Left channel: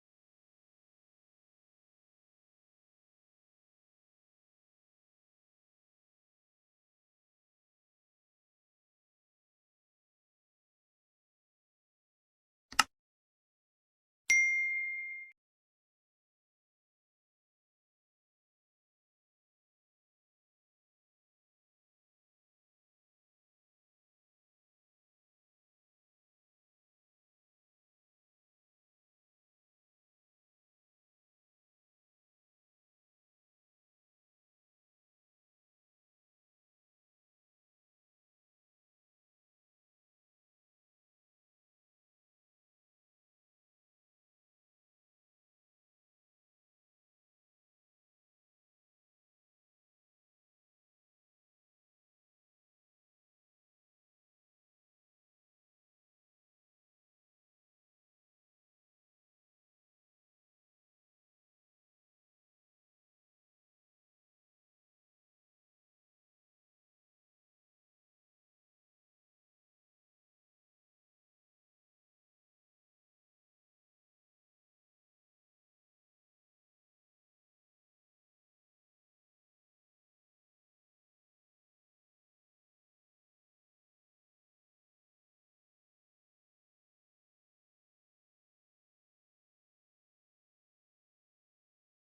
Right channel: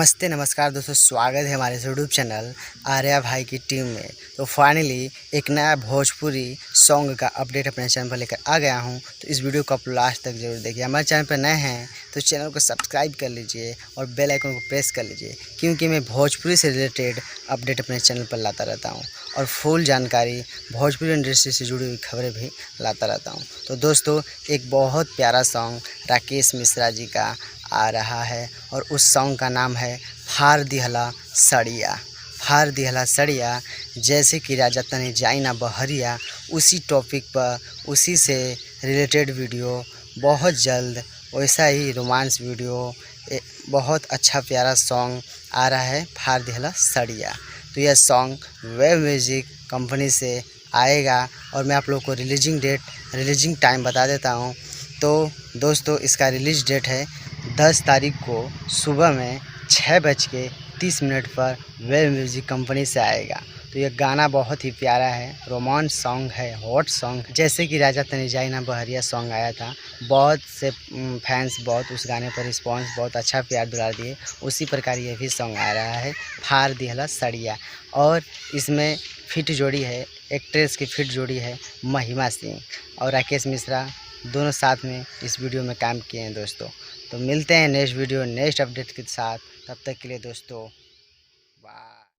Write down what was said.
नमस्ते नमस्कार दोस्तों, स्वागत है हमारे यूट्यूब चैनल आर्या भाई की टीम में। तो फाइनली एक नया भोजपुरी सॉन्ग का अपडेट अपने चैनल पर लेकर आ गया हूं। तो इस वीडियो को आप लास्ट तक जरूर देखिए। हमारे चैनल पर नए हैं तो चैनल को सब्सक्राइब कर लीजिए और बेल आइकन को प्रेस कर लीजिए, क्योंकि मैं भोजपुरी से रिलेटेड अपडेट अपने चैनल पर लाता रहता हूँ और फुल जानकारी भोजपुरी इंडस्ट्री से जुड़ी हुई खबरें भी लाता रहता हूँ। तो दोस्तों, एक बहुत प्यारा सॉन्ग राकेश मिश्रा जी का आ रहा है और उस सॉन्ग का नाम है फार दिहला सड़िया। फार दिहला सड़िया, जैसे कि राजा तनी जाई ना बहरिया, उसी टॉपिक पर उसी से रिलेटेड वीडियो बहुत जल्द, वैसा ही रोमांस वीडियो, बहुत अच्छा प्यारा सॉन्ग आ रहा है फार दिहला सड़िया। तो यह सॉन्ग वेव म्यूज़िक कंपनी से आएगा और मैं आप लोगों को रिलीजिंग टाइम बता देता हूँ। तो दोस्तों, इसका रिलीज डेट है 10 तारीख को सुबह में 6:30 पर वेव म्यूज़िक कंपनी से आएगा। तो यह गाना बहुत ही प्यारा है, रोमांस सॉन्ग है, हॉट सॉन्ग, जैसे कि राजा तनी जाई ना बहरिया सॉन्ग आया था। बहुत से फैंस बहुत उस गाने पर रिस्पॉन्स, बहुत अच्छा प्यार दुलार दिए। उसी प्रकार ये भी सॉन्ग आ रहा है फार दिहला सड़िया। और इसमें फिट जोड़ी है, एक्ट्रेस की फिट जोड़ी है महिमा सिंह और राकेश मिश्रा, दोनों साथ में इस वीडियो में काम किए हैं दोस्तों। तो मिलते हैं नेक्स्ट वीडियो नेक्स्ट अपडेट के साथ। तब तक के लिए दोस्तों